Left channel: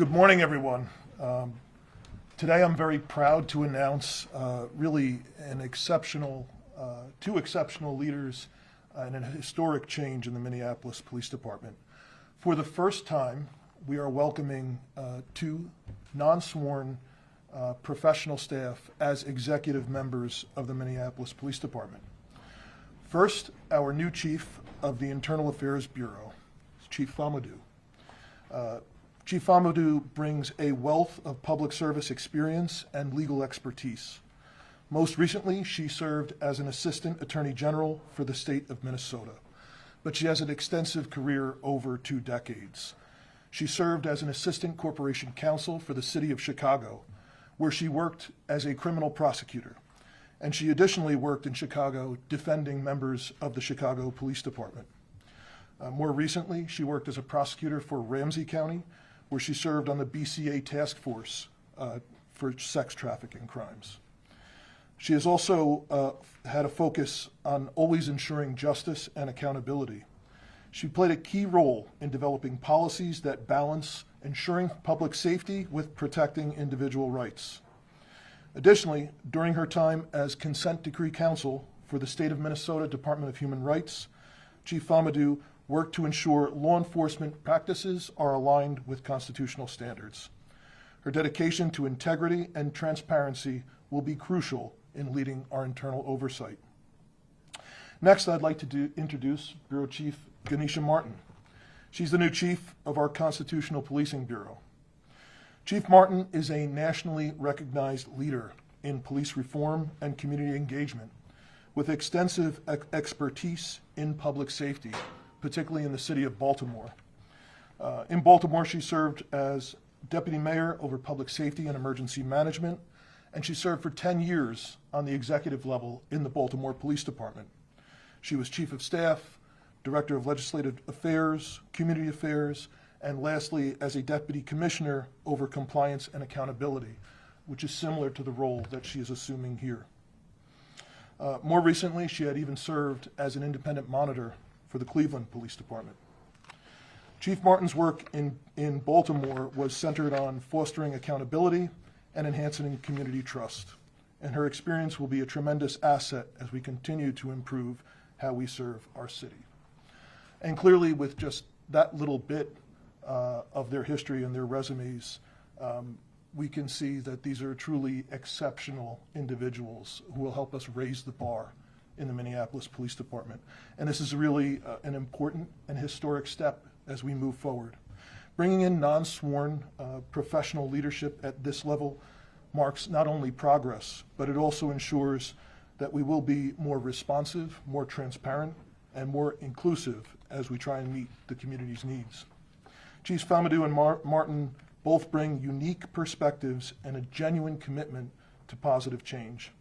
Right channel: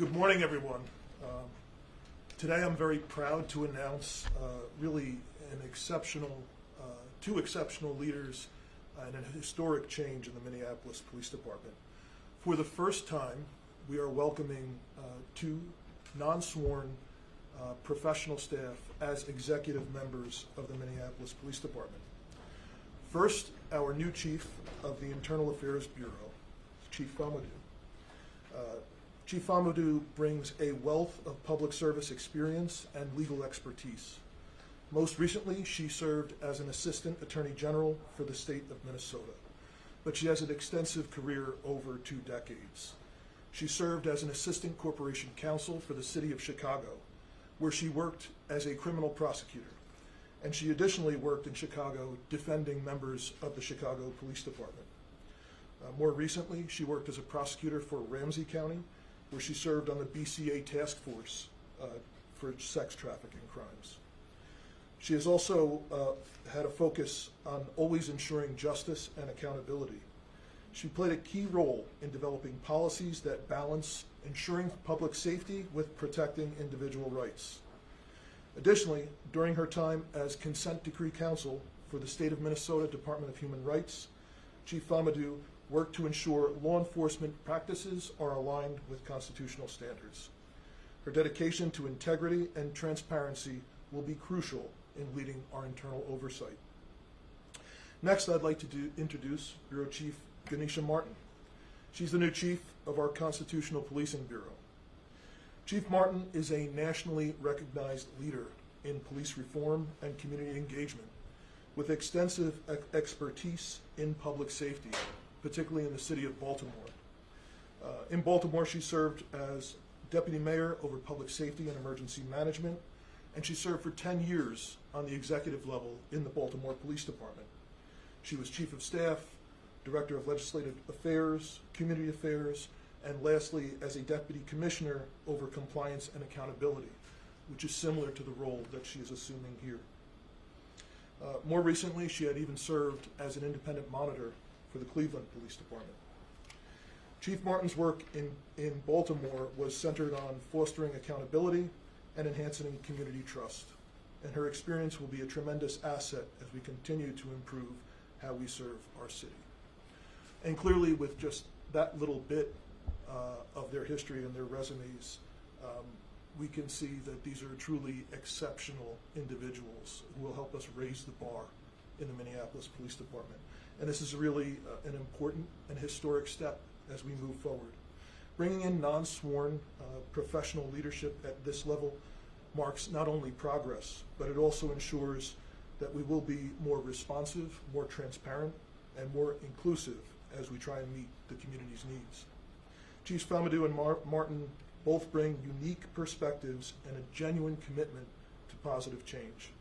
Good morning, everyone. Today I'm very proud to announce really two exceptional leaders and a historic change in the Minneapolis Police Department. For the first time, we are welcoming two non-sworn professional staff as executive members of the Minneapolis Police Department. First, our new chief of the Internal Affairs Bureau, Chief Famodu. Chief Famodu brings a wealth of public service experience and legal expertise. Most recently, she served as an Assistant Attorney General for the state of Minnesota, but she has an extensive career over 2 decades. She served as an Assistant Corporation Counsel for the City of Chicago, where she worked as a criminal prosecutor, and she additionally worked in Chicago defending members of the Chicago Police Department. More recently, she worked as a prosecutor for Ramsey County, where she served on the BCA task force for sex trafficking crimes. She has also had a focus on always ensuring justice and accountability. She played a key role in developing policies that balance ensuring public safety with protecting individual rights. Additionally, during her time as consent decree counsel for the state of Minnesota Department of Human Rights, Chief Famodu work to ensure law enforcement practices are aligned with constitutional standards. Her dedication to integrity and transparency will be crucial in leading our internal oversight. Next, I'd like to introduce Bureau Chief Ganesha Martin. She's the new chief of our Constitutional Policing Bureau. Chief Martin is a nationally recognized leader in police reform and community engagement with extensive expertise in public safety, particularly in the city of Baltimore. In Baltimore, she served as deputy mayor over public safety and emergency management, and she served for 10 years on the executive level in the Baltimore Police Department. She was chief of staff, director of legislative affairs, community affairs, and lastly, as a deputy commissioner over compliance and accountability, which is similar to the role that she is assuming here. More recently, she had even served as an independent monitor for the Cleveland Police Department. Chief Martin's work in Baltimore was centered on fostering accountability and enhancing community trust. And her experience will be a tremendous asset as we continue to improve how we serve our city. And clearly, with just that little bit of their history and their resumes, we can see that these are truly exceptional individuals who will help us raise the bar in the Minneapolis Police Department. And this is really an important and historic step as we move forward. Bringing in non-sworn professional leadership at this level marks not only progress, but it also ensures that we will be more responsive, more transparent, and more inclusive as we try and meet the community's needs. Chiefs Famodu and Martin both bring unique perspectives and a genuine commitment to positive change.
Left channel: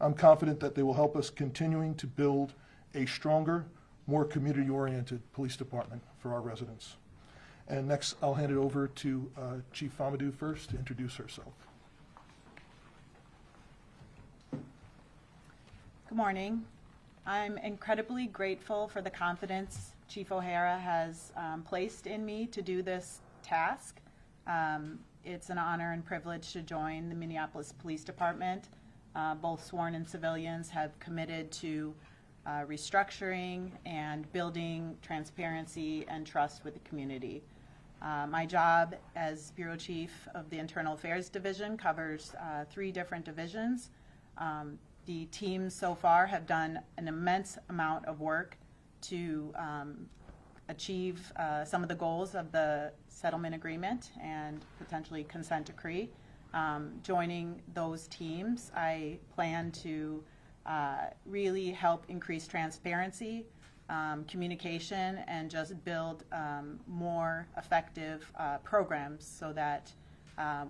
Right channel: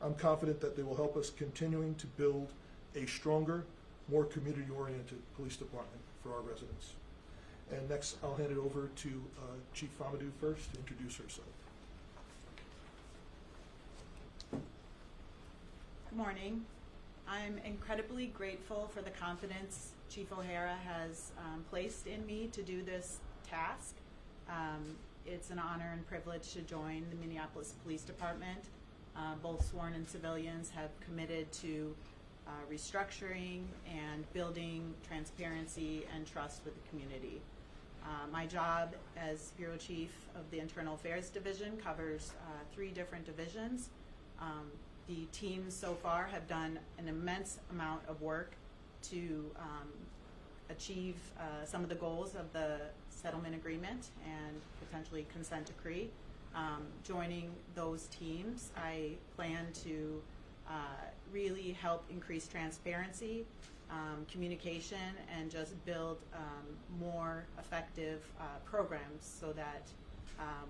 I'm confident that they will help us continuing to build a stronger, more community-oriented police department for our residents. And next, I'll hand it over to Chief Famodu first to introduce herself. Good morning. I'm incredibly grateful for the confidence Chief O'Hara has placed in me to do this task. It's an honor and privilege to join the Minneapolis Police Department. Both sworn and civilians have committed to restructuring and building transparency and trust with the community. My job as Bureau Chief of the Internal Affairs Division covers 3 different divisions. The teams so far have done an immense amount of work to achieve some of the goals of the settlement agreement and potentially consent decree. Joining those teams, I plan to really help increase transparency, communication, and just build more effective programs so that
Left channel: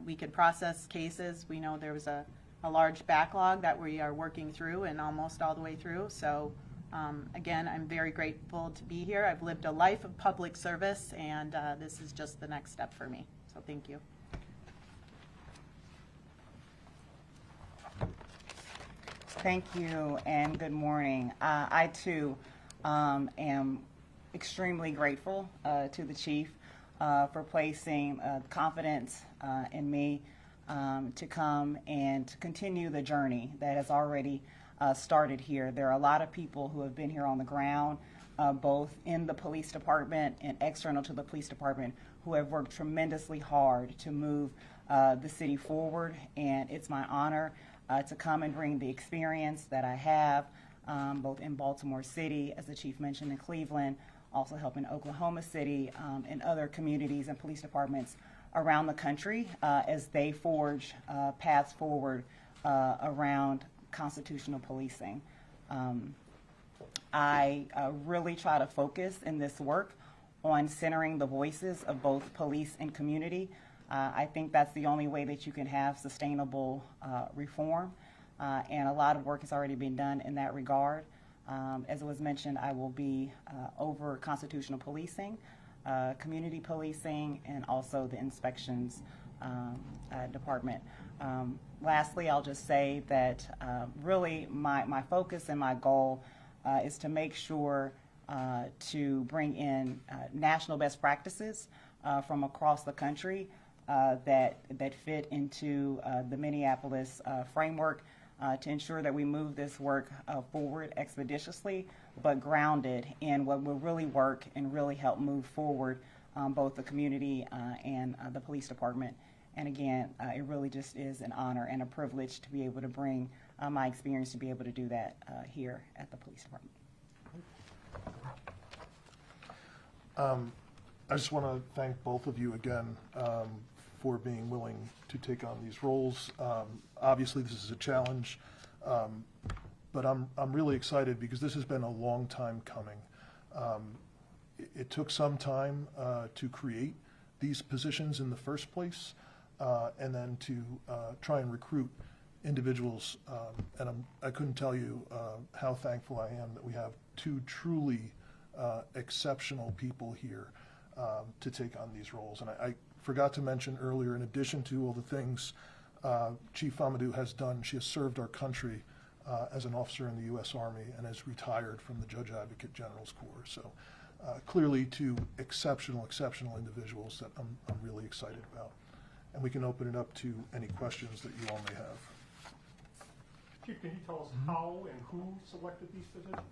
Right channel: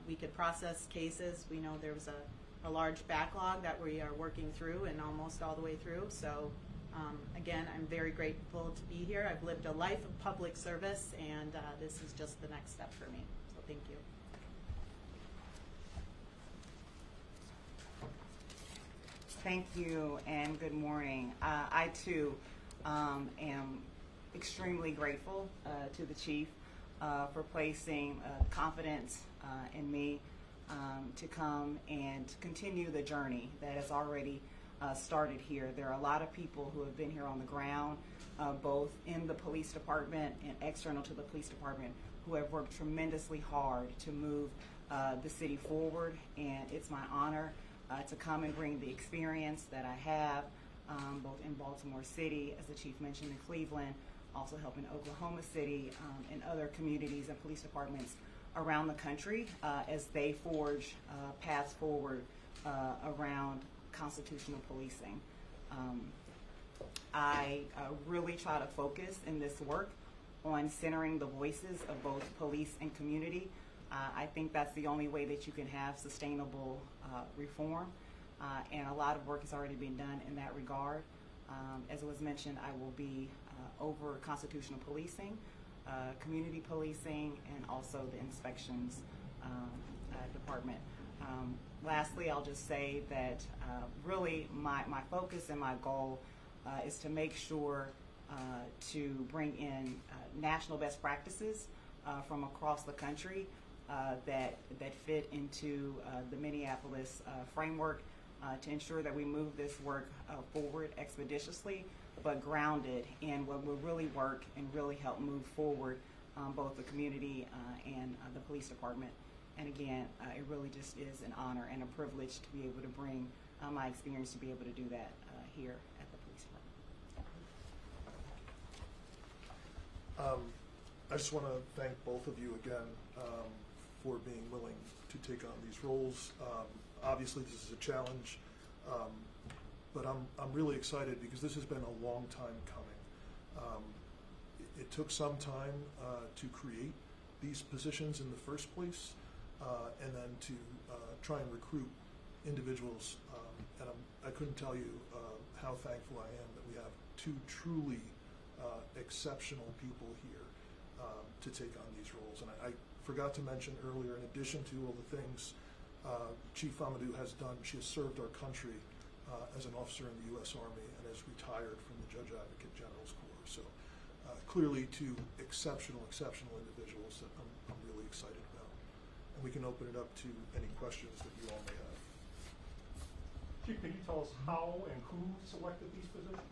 we can process cases. We know there was a large backlog that we are working through and almost all the way through. So again, I'm very grateful to be here. I've lived a life of public service, and this is just the next step for me. So thank you. Thank you, and good morning. I too am extremely grateful to the chief for placing confidence in me to come and to continue the journey that has already started here. There are a lot of people who have been here on the ground, both in the police department and external to the police department, who have worked tremendously hard to move the city forward, and it's my honor to come and bring the experience that I have both in Baltimore City, as the chief mentioned, in Cleveland, also helping Oklahoma City and other communities and police departments around the country as they forge paths forward around constitutional policing. I really try to focus in this work on centering the voices of both police and community. I think that's the only way that you can have sustainable reform, and a lot of work has already been done in that regard. As it was mentioned, I will be over constitutional policing, community policing, and also the inspections department. Lastly, I'll just say that really my focus and my goal is to make sure to bring in national best practices from across the country that fit into the Minneapolis framework to ensure that we move this work forward expeditiously, but grounded in what will really work and really help move forward both the community and the police department. And again, it really just is an honor and a privilege to be able to bring my experience to be able to do that here at the police department. I just want to thank both of you again for being willing to take on these roles. Obviously, this is a challenge, but I'm really excited because this has been a long time coming. It took some time to create these positions in the first place, and then to try and recruit individuals. And I couldn't tell you how thankful I am that we have two truly exceptional people here to take on these roles. And I forgot to mention earlier, in addition to all the things Chief Famodu has done, she has served our country as an officer in the U.S. Army and has retired from the Judge Advocate General's Corps. So clearly two exceptional individuals that I'm really excited about. And we can open it up to any questions that you all may have. Chief, can you tell us how and who selected these positions?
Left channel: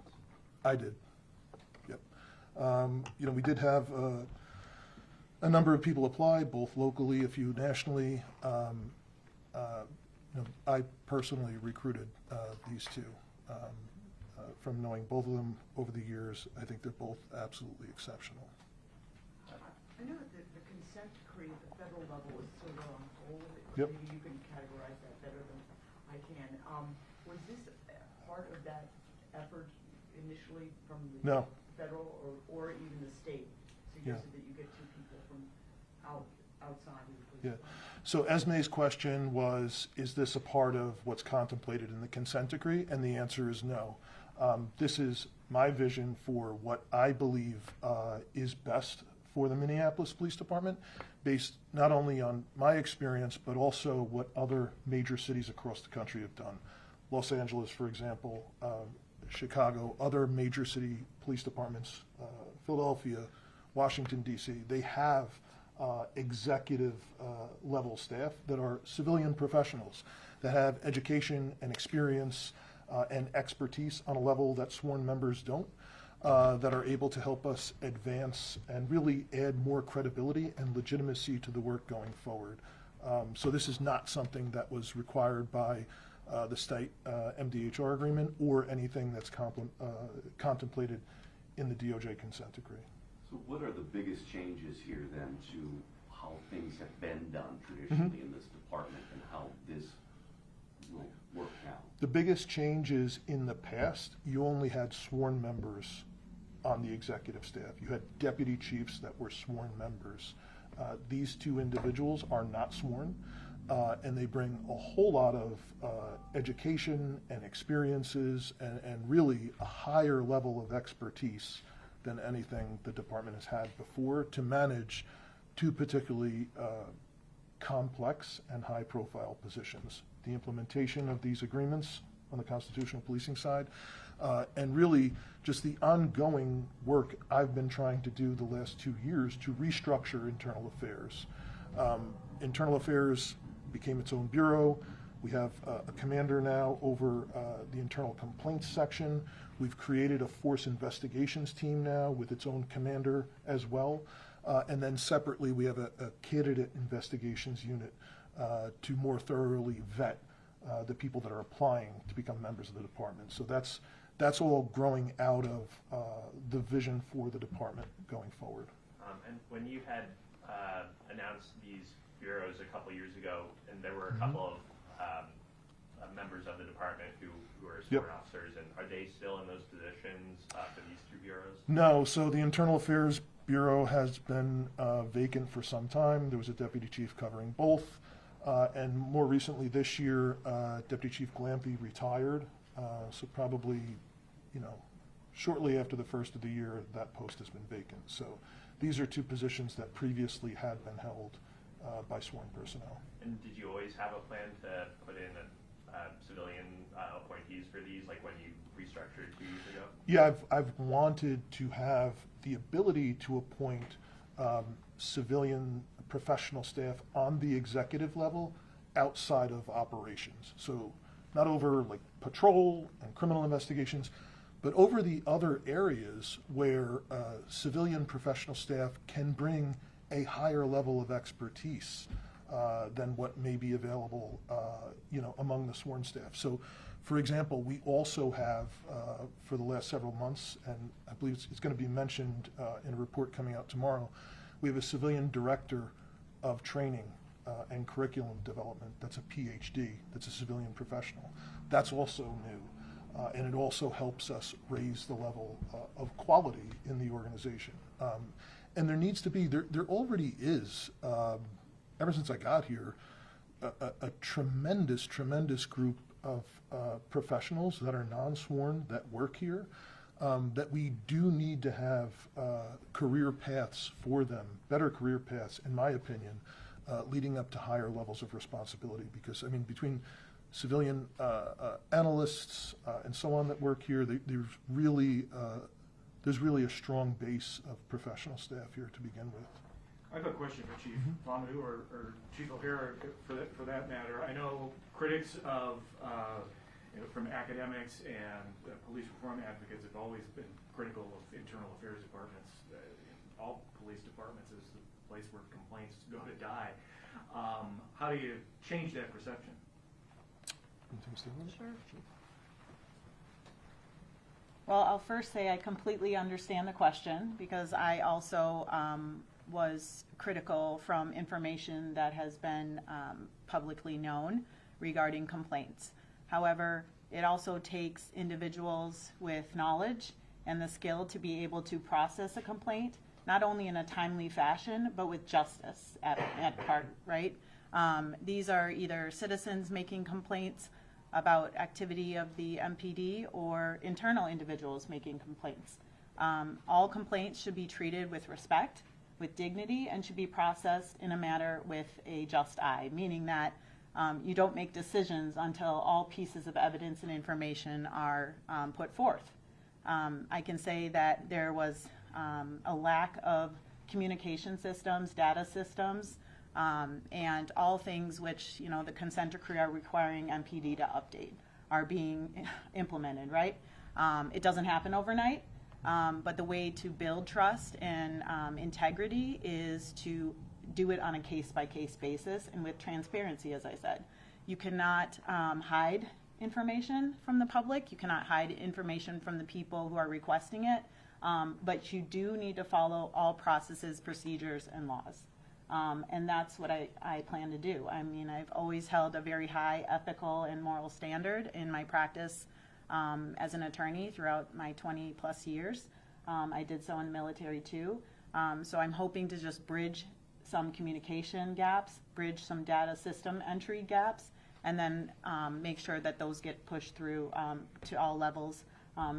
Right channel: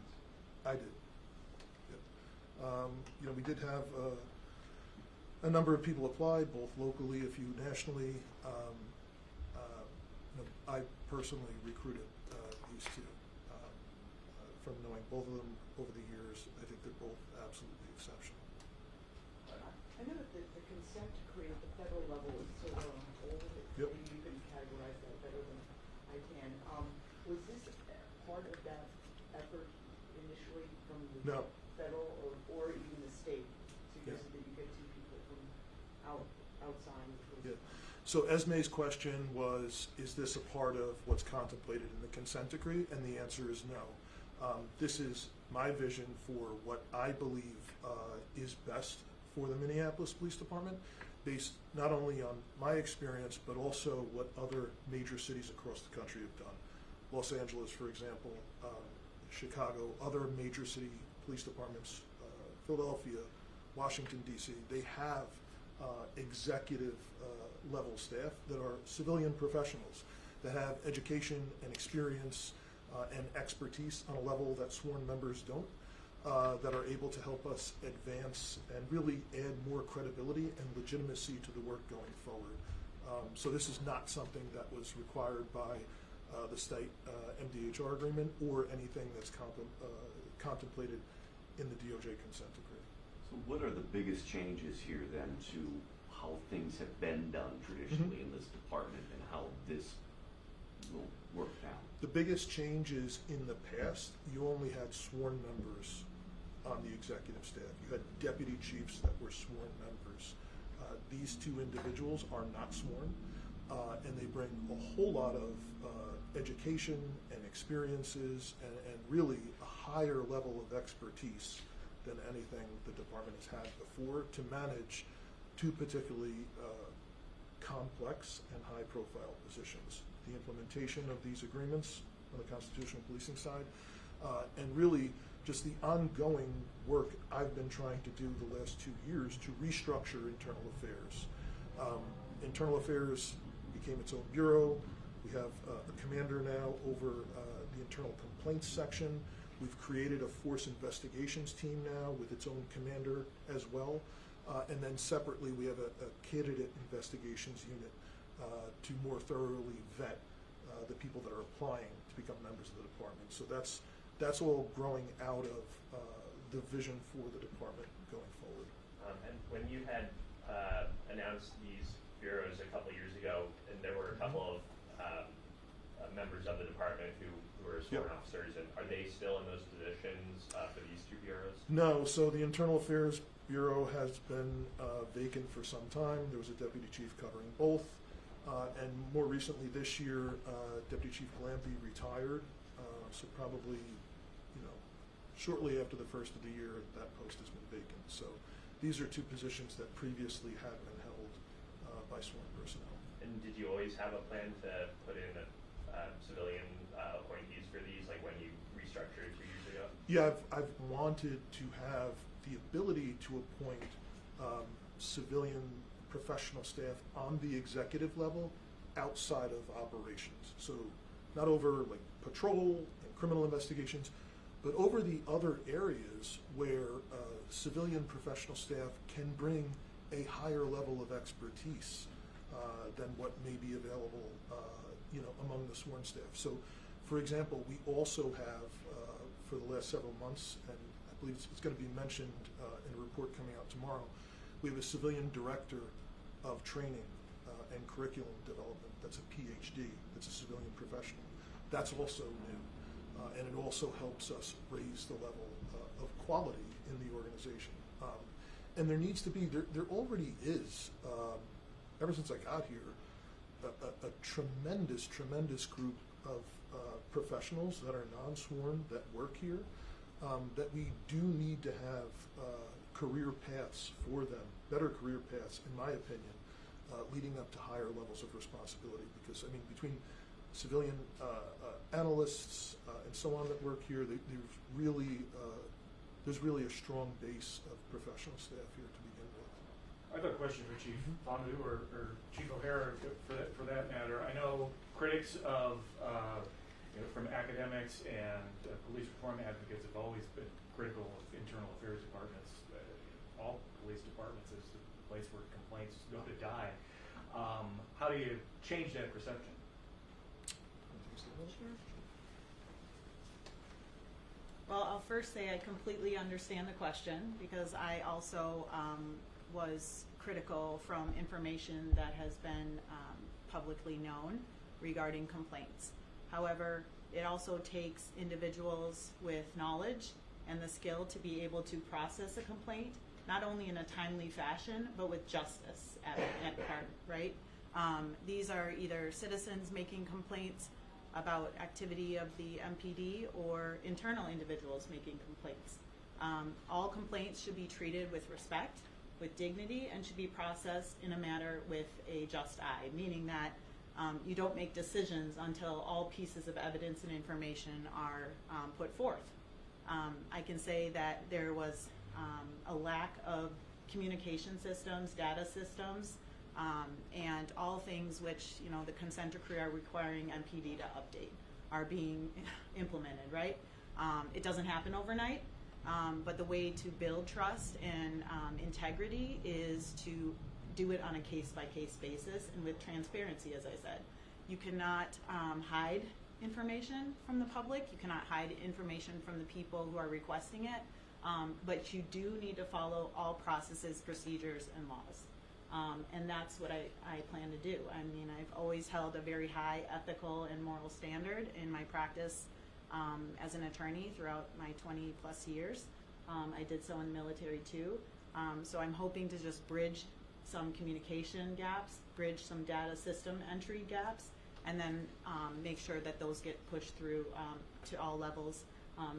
I did. Yep. You know, we did have a number of people apply, both locally, a few nationally. You know, I personally recruited these two. From knowing both of them over the years, I think they're both absolutely exceptional. I know that the consent decree at the federal level is sort of on hold. Yep. Maybe you can categorize that better than I can. Was this part of that effort initially from the federal or even the state suggested that you get two people from outside? Yeah. So Esme's question was, is this a part of what's contemplated in the consent decree? And the answer is no. This is my vision for what I believe is best for the Minneapolis Police Department, based not only on my experience, but also what other major cities across the country have done. Los Angeles, for example, Chicago, other major city police departments, Philadelphia, Washington, D.C., they have executive level staff that are civilian professionals that have education and experience and expertise on a level that sworn members don't, that are able to help us advance and really add more credibility and legitimacy to the work going forward. So this is not something that was required by the state MDHR agreement or anything that's contemplated in the DOJ consent decree. So what are the biggest changes here then to how things have been done traditionally in this department and how this will work out? The biggest change is in the past, you only had sworn members on the executive staff. You had deputy chiefs that were sworn members. These two individuals are not sworn, and they bring a whole lot of education and experiences and really a higher level of expertise than anything the department has had before to manage two particularly complex and high-profile positions. The implementation of these agreements on the constitutional policing side, and really just the ongoing work I've been trying to do the last 2 years to restructure internal affairs. Internal affairs became its own bureau. We have a commander now over the internal complaints section. We've created a force investigations team now with its own commander as well. And then separately, we have a candidate investigations unit to more thoroughly vet the people that are applying to become members of the department. So that's all growing out of the vision for the department going forward. And when you had announced these bureaus a couple years ago, and there were a couple of members of the department who were sworn officers, and are they still in those positions for these two bureaus? No, so the Internal Affairs Bureau has been vacant for some time. There was a deputy chief covering both. And more recently this year, Deputy Chief Glampy retired. So probably, shortly after the first of the year, that post has been vacant. So these are two positions that previously had been held by sworn personnel. And did you always have a plan to put in civilian appointees for these, like when you restructured 2 years ago? Yeah, I've wanted to have the ability to appoint civilian professional staff on the executive level outside of operations. So not over like patrol and criminal investigations, but over the other areas where civilian professional staff can bring a higher level of expertise than what may be available, among the sworn staff. So, for example, we also have, for the last several months, and I believe it's going to be mentioned in a report coming out tomorrow, we have a civilian director of training and curriculum development that's a PhD, that's a civilian professional. That's also new, and it also helps us raise the level of quality in the organization. And there needs to be, there already is, ever since I got here, a tremendous group of professionals that are non-sworn that work here, that we do need to have career paths for them, better career paths, in my opinion, leading up to higher levels of responsibility. Because, I mean, between civilian analysts and so on that work here, there's really a strong base of professional staff here to begin with. I have a question for Chief Famodu or Chief O'Hara for that matter. I know critics of from academics and police reform advocates have always been critical of internal affairs departments. All police departments is the place where complaints go to die. How do you change that perception? Sure. Well, I'll first say I completely understand the question, because I also was critical from information that has been publicly known regarding complaints. However, it also takes individuals with knowledge and the skill to be able to process a complaint, not only in a timely fashion, but with justice at heart, right? These are either citizens making complaints about activity of the MPD or internal individuals making complaints. All complaints should be treated with respect, with dignity, and should be processed in a manner with a just eye, meaning that you don't make decisions until all pieces of evidence and information are put forth. I can say that there was a lack of communication systems, data systems, and all things which, the consent decree are requiring MPD to update are being implemented, right? It doesn't happen overnight, but the way to build trust and integrity is to do it on a case-by-case basis and with transparency, as I said. You cannot hide information from the public. You cannot hide information from the people who are requesting it, but you do need to follow all processes, procedures, and laws. And that's what I plan to do. I mean, I've always held a very high ethical and moral standard in my practice as an attorney throughout my 20-plus years. I did so in the military too. So I'm hoping to just bridge some communication gaps, bridge some data system entry gaps, and then make sure that those get pushed through to all levels,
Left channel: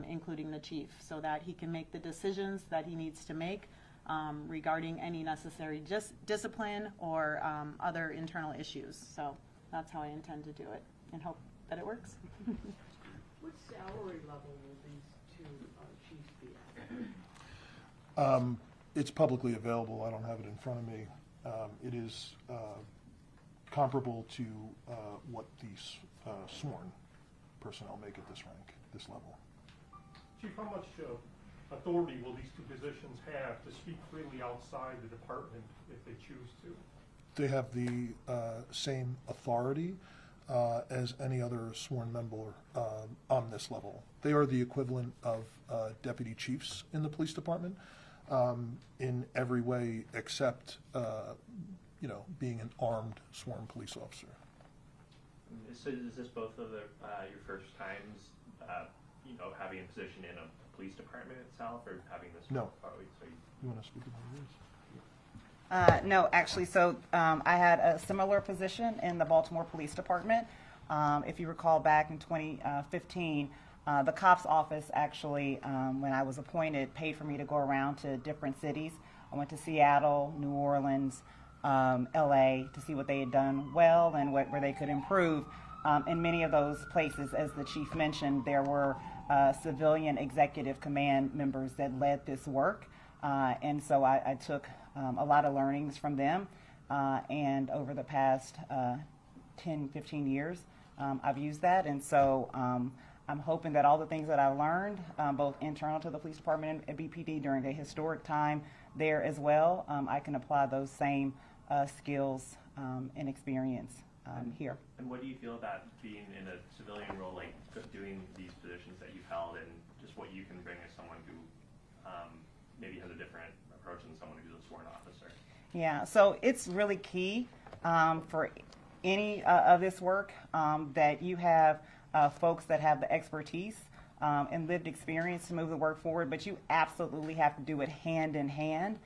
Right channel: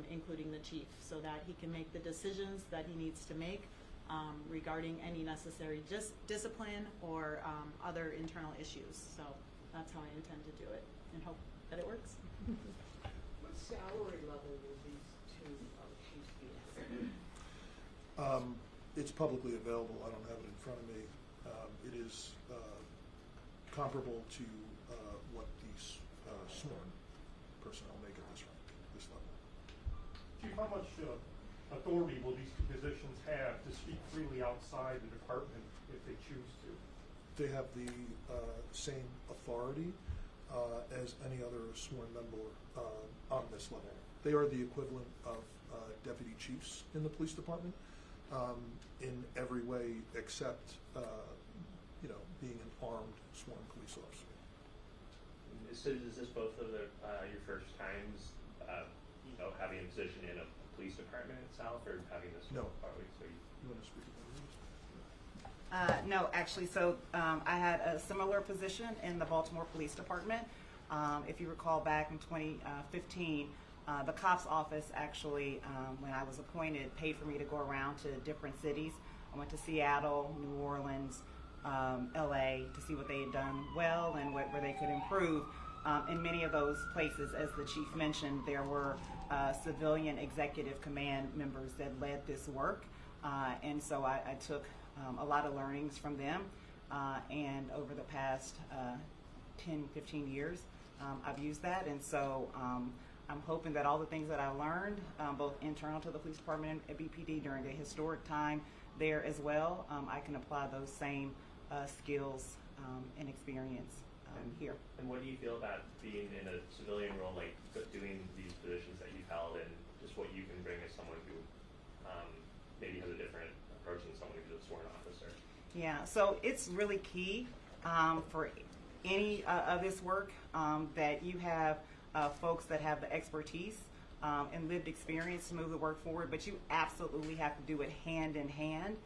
including the chief, so that he can make the decisions that he needs to make regarding any necessary discipline or other internal issues. So that's how I intend to do it, and hope that it works. What salary level will these two chiefs It's publicly available. I don't have it in front of me. It is comparable to what these sworn personnel make at this rank, this level. Chief, how much authority will these two positions have to speak freely outside the department if they choose to? They have the same authority as any other sworn member on this level. They are the equivalent of deputy chiefs in the police department in every way except, being an armed sworn police officer. So is this both of your first times, having a position in a police department itself, or having this? No. So You want to speak about this? No, actually, so I had a similar position in the Baltimore Police Department. If you recall back in 2015, the cops office actually, when I was appointed, paid for me to go around to different cities. I went to Seattle, New Orleans, LA to see what they had done well and where they could improve. In many of those places, as the chief mentioned, there were civilian executive command members that led this work. And so I took a lot of learnings from them. And over the past 10, 15 years, I've used that. And so I'm hoping that all the things that I've learned, both internal to the police department and BPD during a historic time there as well, I can apply those same skills and experience here. And what do you feel about being in a civilian role, like doing these positions that you've held, and just what you can bring as someone who maybe has a different approach than someone who's a sworn officer? Yeah, so it's really key for any of this work that you have folks that have the expertise and lived experience to move the work forward, but you absolutely have to do it hand in hand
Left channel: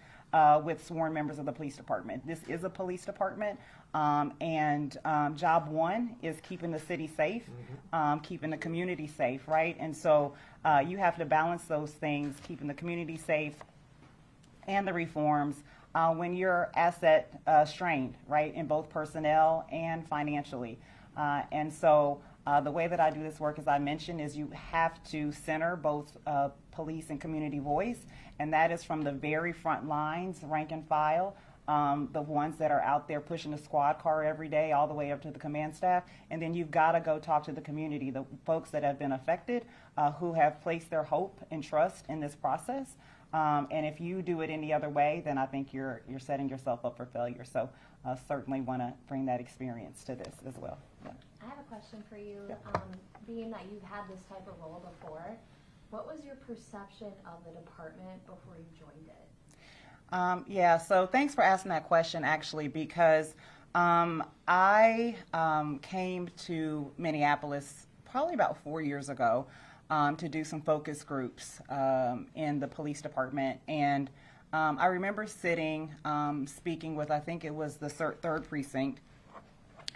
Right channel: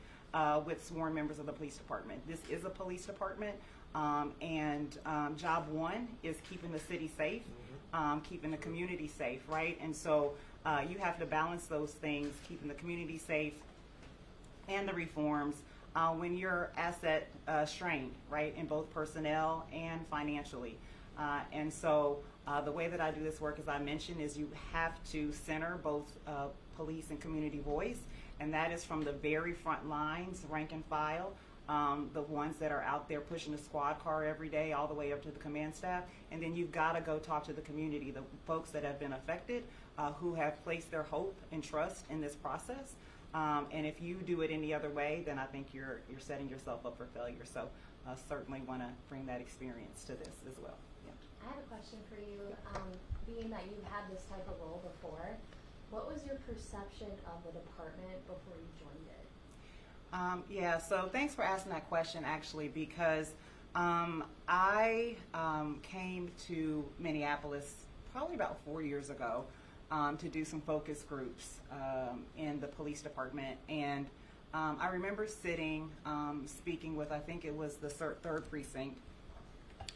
with sworn members of the police department. This is a police department, and job one is keeping the city safe, keeping the community safe, right? And so you have to balance those things, keeping the community safe and the reforms when you're asset strained, right, in both personnel and financially. And so the way that I do this work, as I mentioned, is you have to center both police and community voice, and that is from the very front lines, rank and file, the ones that are out there pushing the squad car every day all the way up to the command staff. And then you've got to go talk to the community, the folks that have been affected, who have placed their hope and trust in this process. And if you do it any other way, then I think you're setting yourself up for failure. So certainly want to bring that experience to this as well. Yeah. I have a question for you. Yeah. Being that you've had this type of role before, what was your perception of the department before you joined it? Yeah, so thanks for asking that question, actually, because I came to Minneapolis probably about 4 years ago to do some focus groups in the police department. And I remember sitting, speaking with, I think it was the 3rd Precinct,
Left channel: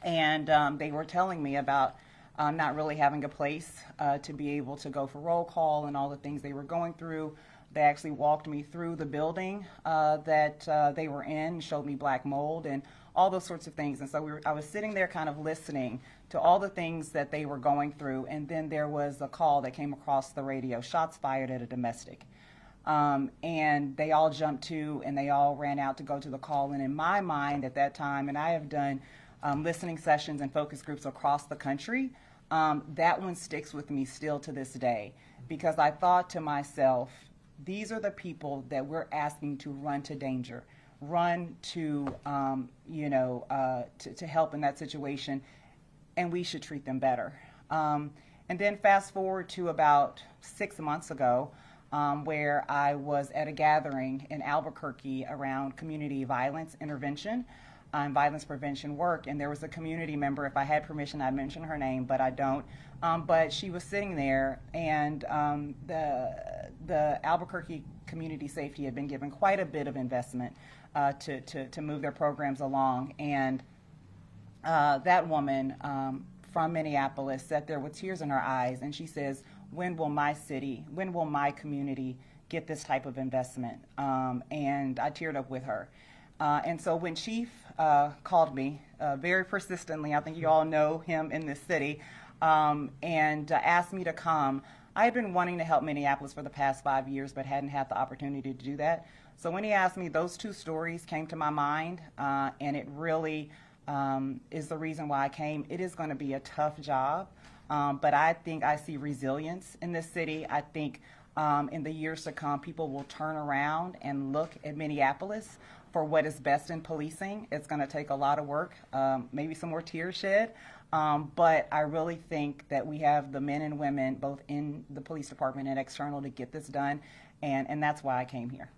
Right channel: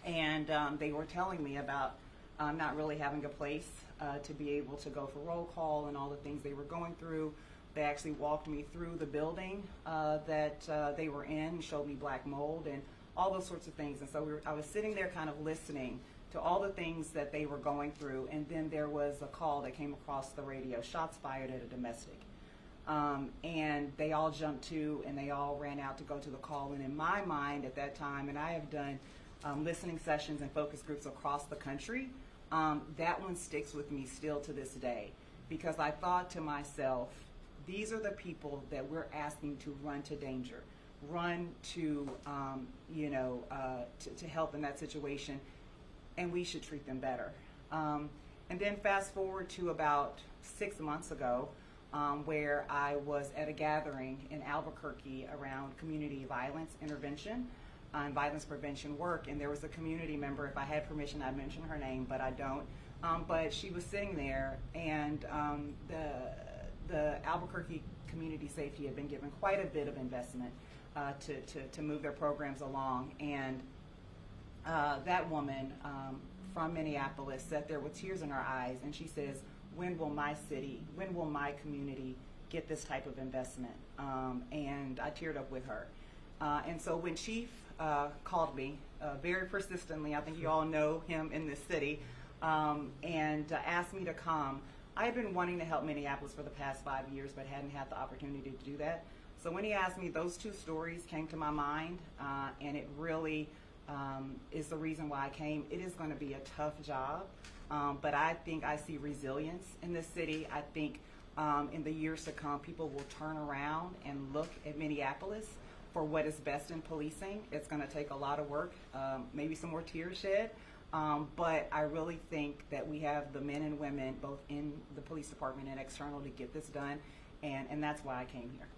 and they were telling me about not really having a place to be able to go for roll call and all the things they were going through. They actually walked me through the building that they were in, showed me black mold and all those sorts of things. And so I was sitting there kind of listening to all the things that they were going through. And then there was a call that came across the radio, shots fired at a domestic. And they all jumped to and they all ran out to go to the call. And in my mind at that time, and I have done listening sessions and focus groups across the country, that one sticks with me still to this day, because I thought to myself, these are the people that we're asking to run to danger, run to, to help in that situation, and we should treat them better. And then fast forward to about 6 months ago, where I was at a gathering in Albuquerque around community violence intervention and violence prevention work, and there was a community member. If I had permission, I'd mention her name, but I don't. But she was sitting there, and the Albuquerque Community Safety had been given quite a bit of investment to move their programs along. And that woman from Minneapolis sat there with tears in her eyes, and she says, when will my city, when will my community get this type of investment? And I teared up with her. And so when Chief called me very persistently, I think you all know him in this city, and asked me to come, I had been wanting to help Minneapolis for the past 5 years, but hadn't had the opportunity to do that. So when he asked me, those two stories came to my mind, and it really is the reason why I came. It is going to be a tough job, but I think I see resilience in this city. I think in the years to come, people will turn around and look at Minneapolis for what is best in policing. It's going to take a lot of work, maybe some more tears shed, but I really think that we have the men and women, both in the police department and external, to get this done, and that's why I came here.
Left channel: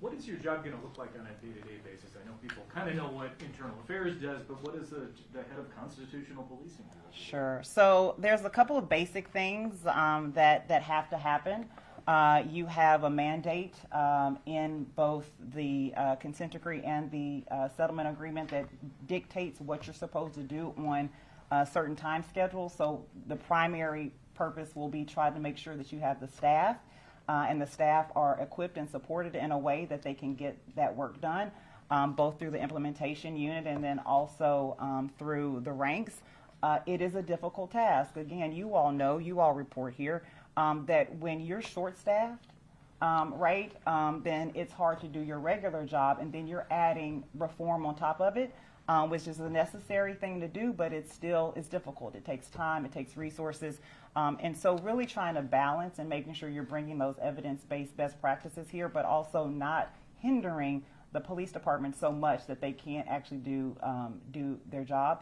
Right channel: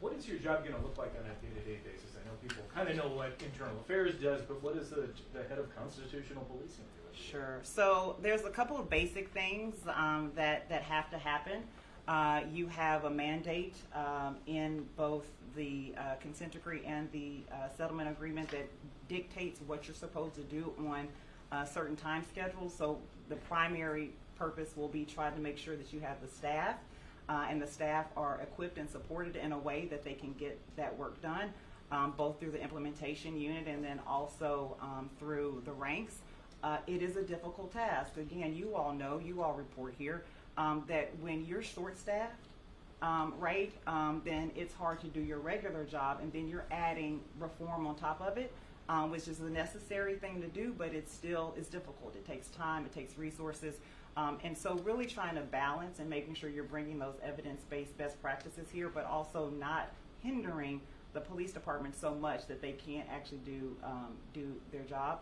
What is your job going to look like on a day-to-day basis? I know people kind of know what internal affairs does, but what is the head of constitutional policing? Sure. So there's a couple of basic things that have to happen. You have a mandate in both the consent decree and the settlement agreement that dictates what you're supposed to do on certain time schedules. So the primary purpose will be trying to make sure that you have the staff and the staff are equipped and supported in a way that they can get that work done, both through the implementation unit and then also through the ranks. It is a difficult task. Again, you all know, you all report here, that when you're short-staffed, right, then it's hard to do your regular job, and then you're adding reform on top of it, which is a necessary thing to do, but it still is difficult. It takes time, it takes resources, and so really trying to balance and making sure you're bringing those evidence-based best practices here, but also not hindering the police department so much that they can't actually do their job.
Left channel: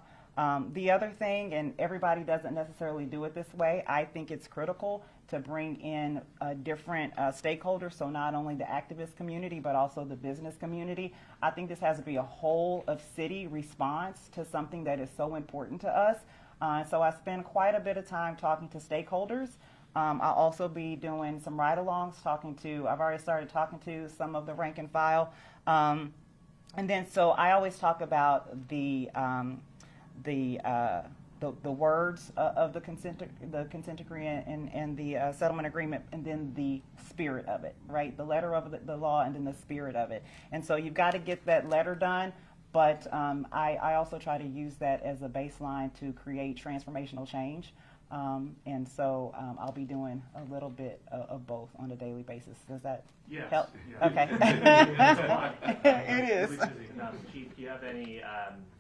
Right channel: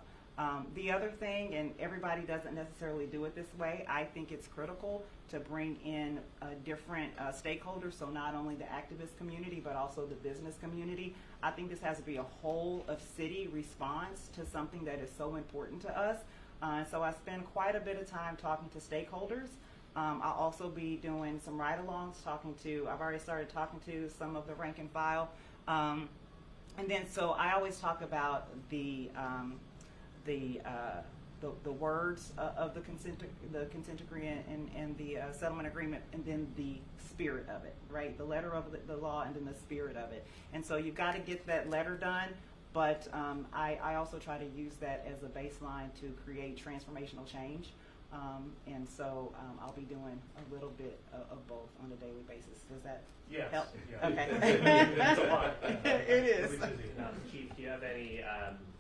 The other thing, and everybody doesn't necessarily do it this way, I think it's critical to bring in different stakeholders, so not only the activist community, but also the business community. I think this has to be a whole of city response to something that is so important to us. So I spend quite a bit of time talking to stakeholders. I'll also be doing some ride-alongs, I've already started talking to some of the rank and file. And then, so I always talk about the words of the consent decree and the settlement agreement, and then the spirit of it, right? The letter of the law and then the spirit of it. And so you've got to get that letter done, but I also try to use that as a baseline to create transformational change. And so I'll be doing a little bit of both on a daily basis. Does that help? Yeah. Okay. It is. Chief, do you have any,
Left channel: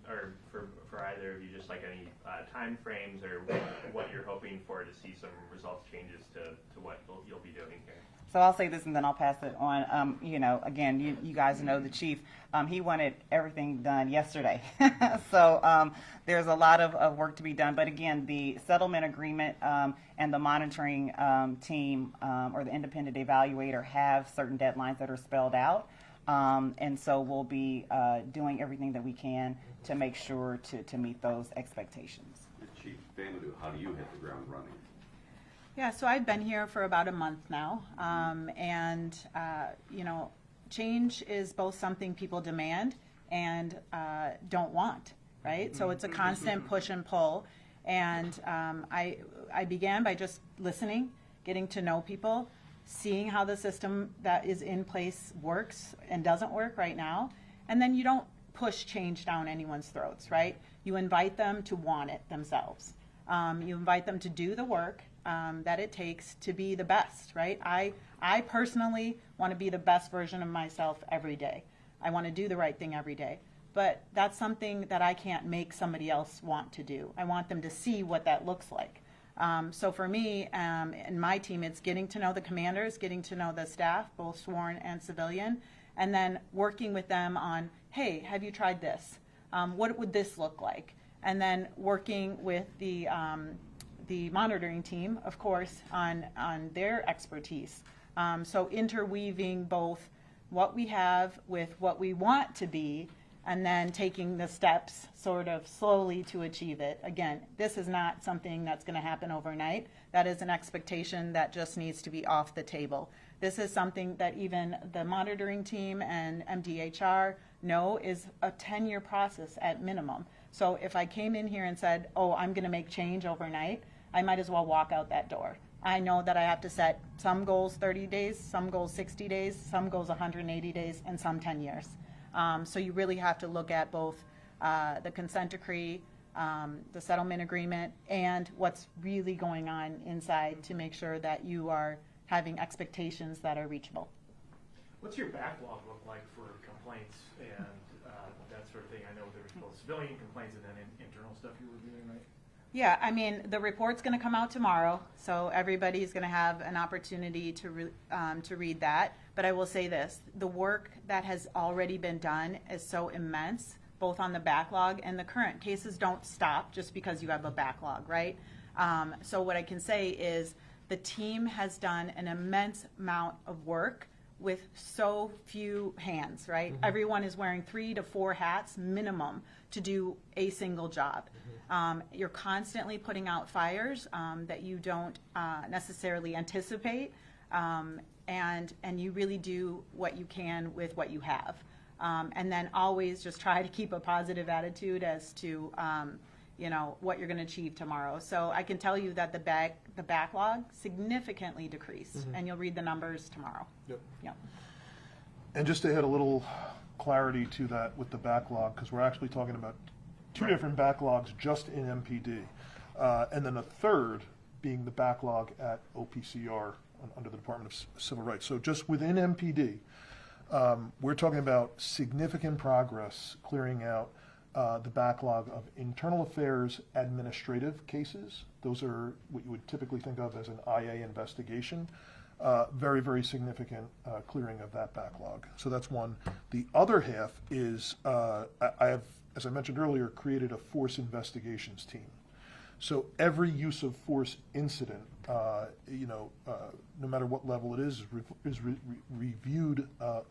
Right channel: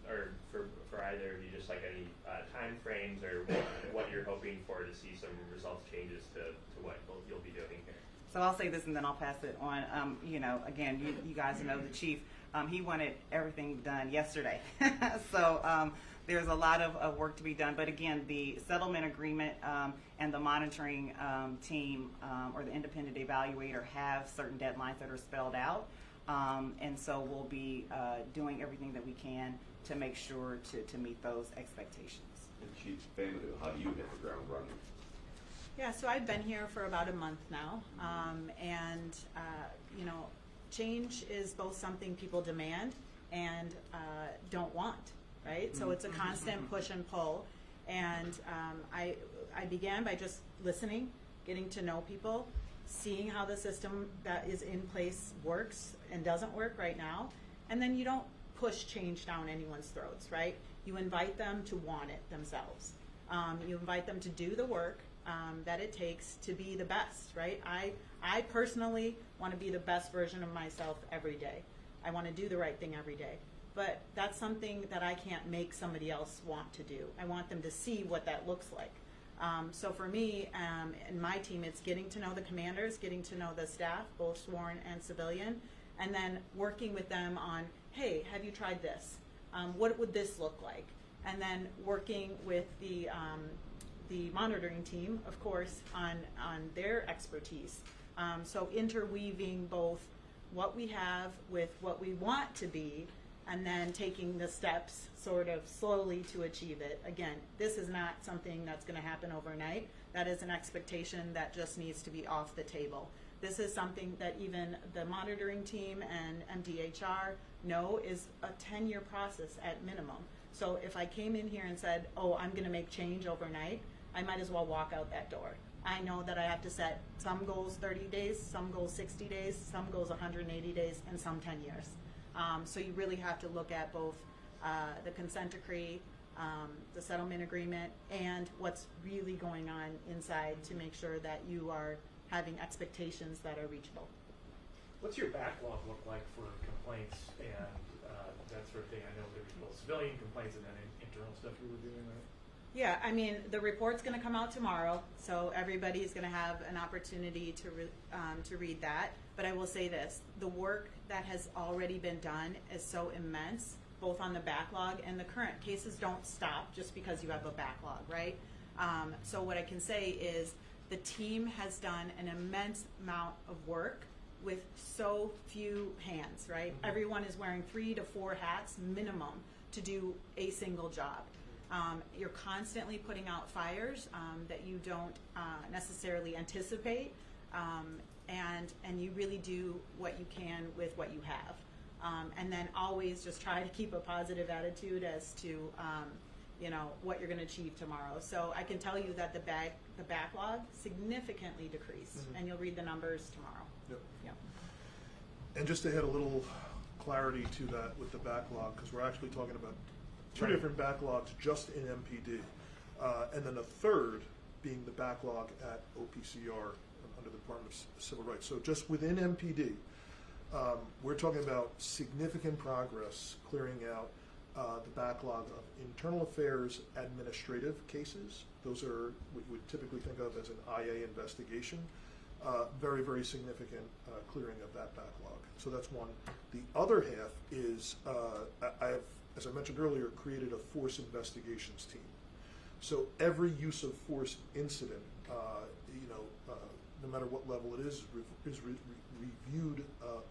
or for either of you, just like any time frames or what you're hoping for to see some results changes to what you'll be doing here? So I'll say this and then I'll pass it on. Again, you guys know the chief. He wanted everything done yesterday. So there's a lot of work to be done. But again, the settlement agreement and the monitoring team or the independent evaluator have certain deadlines that are spelled out. And so we'll be doing everything that we can to make sure to meet those expectations. Chief Famodu, how do you hit the ground running? Yeah, so I've been here for about a month now, and change is both something people demand and don't want, right? So it's a constant push and pull, and I began by just listening, getting to know people, seeing how the system that is in place works and doesn't work right now, and then you don't push change down anyone's throats, right? You invite them to want it themselves. You invite them to do the work that it takes to be the best, right? I personally want to be the best version of myself every day. I want to do the right thing every day. But that's something that I can't make somebody else want to do. I want them to see what that looks like. So for me and my team, it's getting to know the commanders, getting to know the staff, both sworn and civilian, and then working with them on, hey, have you tried this? What would this look like? And then working with the monitoring team, of course, on their expertise. So interweaving both what we have with what we want to be, and then taking the steps sort of slowly to achieve it. Again, this is not something that's going to happen overnight. That is an expectation that just needs to be off the table. This is something that even the monitoring team and MDHR know is a 10-year process at minimum. So if I came in here and said, oh, I'm going to make change overnight, I might as well walk out that door. I know that I have to set some goals 30 days, some goals 60 days, some goals 180 days, and some 10 years. So you really have to look at both the consent decree, the settlement agreement, and what's really going on inside to make sure that you are having expectations that are reachable. What's your backlog look like for complaints and that sort of thing? I know there's both civilian complaints and then internal stuff you were doing, right? Yeah, I mean, the report's going to come out tomorrow, so everybody's going to have an opportunity to read that. But I will say this, the work that has already been done is so immense, both on the backlog and the current. Cases don't stop just because you have a backlog, right? So what I can say is the team has done an immense amount of work with so few hands, right? Mm-hmm. Everyone is wearing 3 to 4 hats minimum to do a single job. You're constantly putting out fires that you don't necessarily anticipate, and you really do what you can with what you have. And then always just try to keep a positive attitude as to what you're going to achieve tomorrow. So I can tell you that the backlog significantly decreased, Mm-hmm. and you'll read the numbers tomorrow. Yep. Yep. And just to add a little clarity to that with the backlog, because we're actually talking about two different backlogs just in MPD, and then a third being the backlog at OPCR under the Department of Civil Rights. So just within MPD, we're talking about significant progress clearing out the backlog of internal affairs administrative cases. Those are what you would typically think of as an IA investigation. Very, very significant clearing of that backlog. So that's one. The other half is I have, as I mentioned earlier, created a force investigations team. So every use of force incident, no matter what level it is reviewed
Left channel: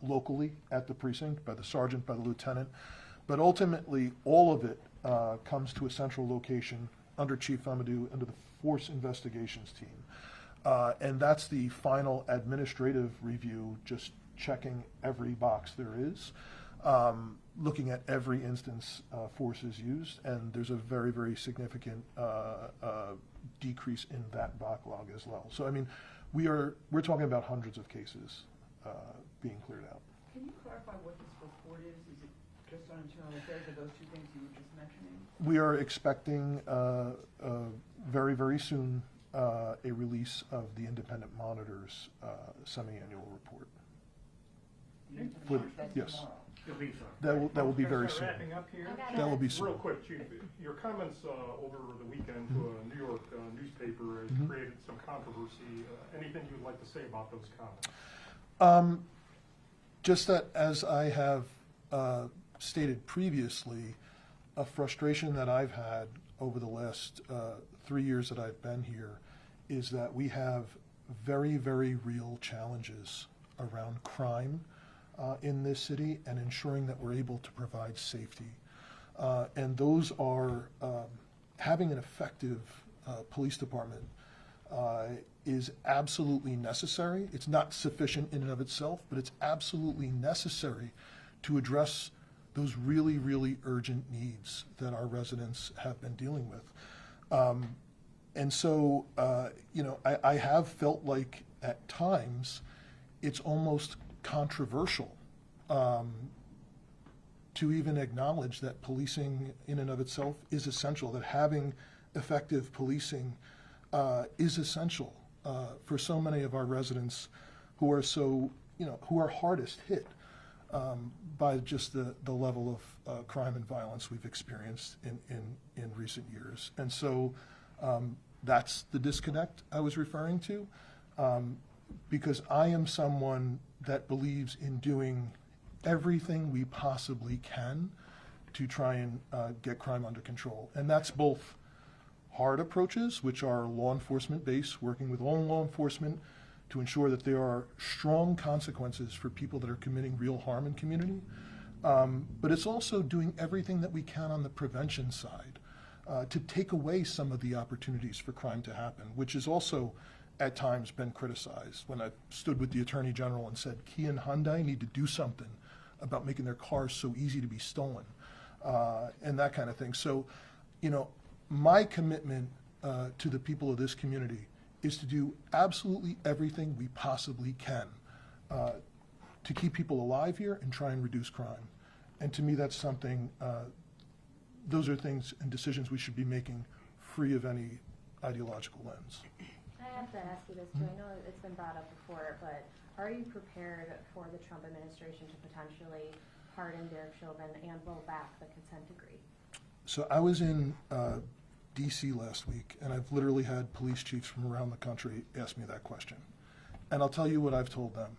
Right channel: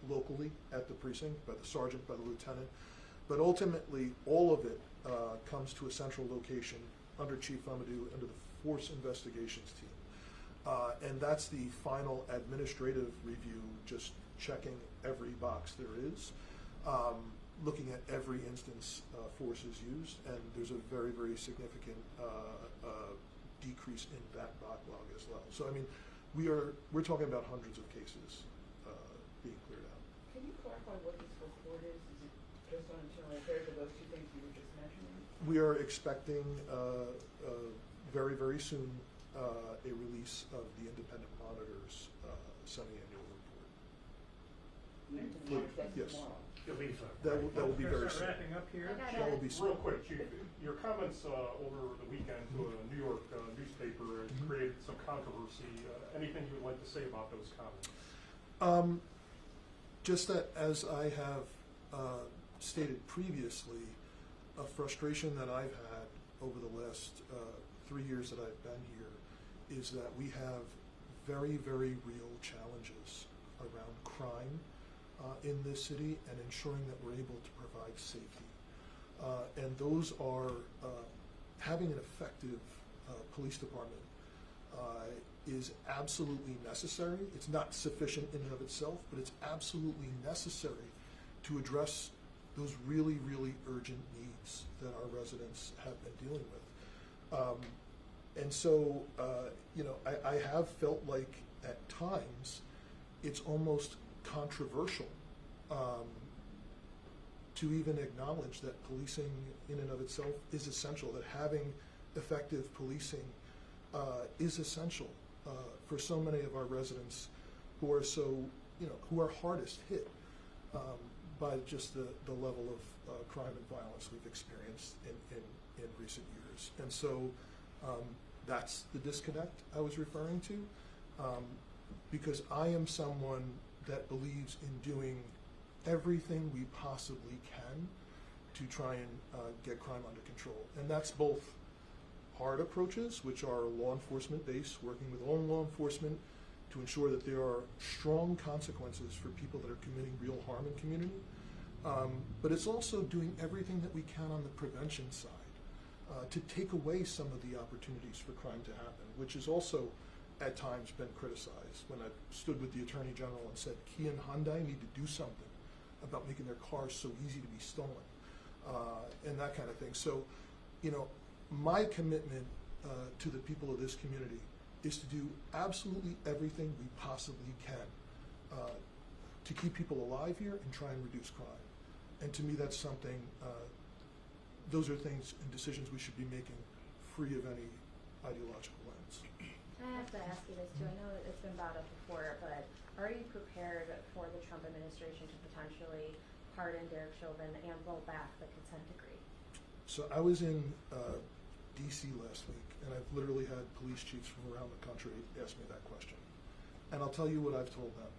locally at the precinct by the sergeant, by the lieutenant. But ultimately, all of it comes to a central location under Chief Famodu, under the force investigations team. And that's the final administrative review, just checking every box there is, looking at every instance force is used, and there's a very, very significant decrease in that backlog as well. So, I mean, we're talking about hundreds of cases being cleared out. Can you clarify what this report is? Is it just on internal affairs, or those two things you were just mentioning? We are expecting very, very soon a release of the independent monitor's semi-annual report. Yes. That will be very soon. Wrapping up here. That will be soon. Real quick, Chief, your comments over the weekend to a New York newspaper has created some controversy. Anything you would like to say about those comments? Just that, as I have stated previously, a frustration that I've had over the last 3 years that I've been here is that we have very, very real challenges around crime in this city and ensuring that we're able to provide safety. And those are, having an effective police department is absolutely necessary. It's not sufficient in and of itself, but it's absolutely necessary to address those really, really urgent needs that our residents have been dealing with. And so, I have felt like at times it's almost controversial to even acknowledge that policing in and of itself is essential, that having effective policing is essential for so many of our residents who are who are hardest hit by just the level of crime and violence we've experienced in recent years. And so that's the disconnect I was referring to, because I am someone that believes in doing everything we possibly can to try and get crime under control. And that's both hard approaches, which are law enforcement based, working with all law enforcement to ensure that there are strong consequences for people that are committing real harm in community. But it's also doing everything that we can on the prevention side to take away some of the opportunities for crime to happen, which has also at times been criticized. When I stood with the Attorney General and said, Kia and Hyundai need to do something about making their cars so easy to be stolen, and that kind of thing. So, my commitment to the people of this community is to do absolutely everything we possibly can to keep people alive here and try and reduce crime. And to me, that's something those are things and decisions we should be making free of any ideological lens. I have to ask you this too. I know it's been brought up before, but are you prepared for the Trump administration to potentially pardon Derek Chauvin and roll back the consent decree? So I was in DC last week, and I've literally had police chiefs from around the country ask me that question. And I'll tell you what I've told them.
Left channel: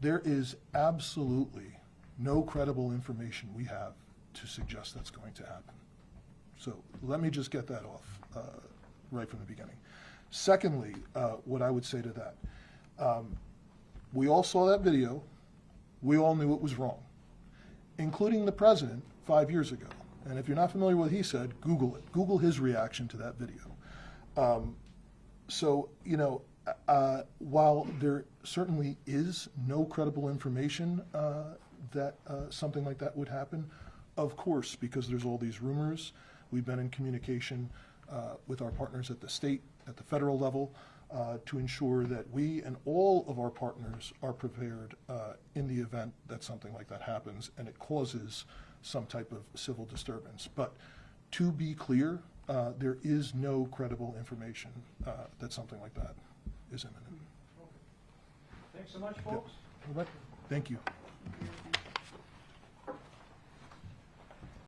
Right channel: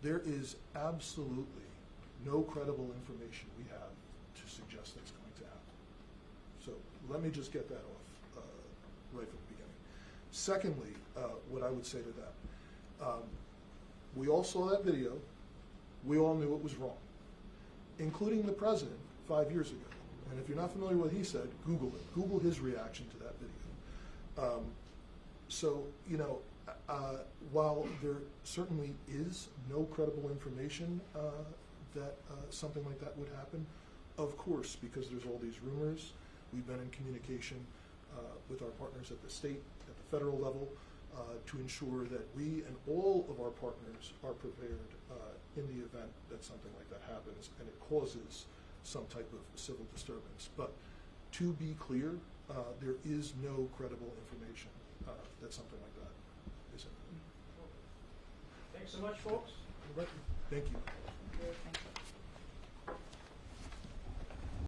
There is absolutely no credible information we have to suggest that's going to happen. So let me just get that off right from the beginning. Secondly, what I would say to that, we all saw that video. We all knew it was wrong, including the president 5 years ago. And if you're not familiar with what he said, Google it. Google his reaction to that video. So, you know, while there certainly is no credible information that something like that would happen, of course, because there's all these rumors, we've been in communication with our partners at the state, at the federal level, to ensure that we and all of our partners are prepared in the event that something like that happens and it causes some type of civil disturbance. But to be clear, there is no credible information that something like that is imminent. Thanks so much, folks. Thank you.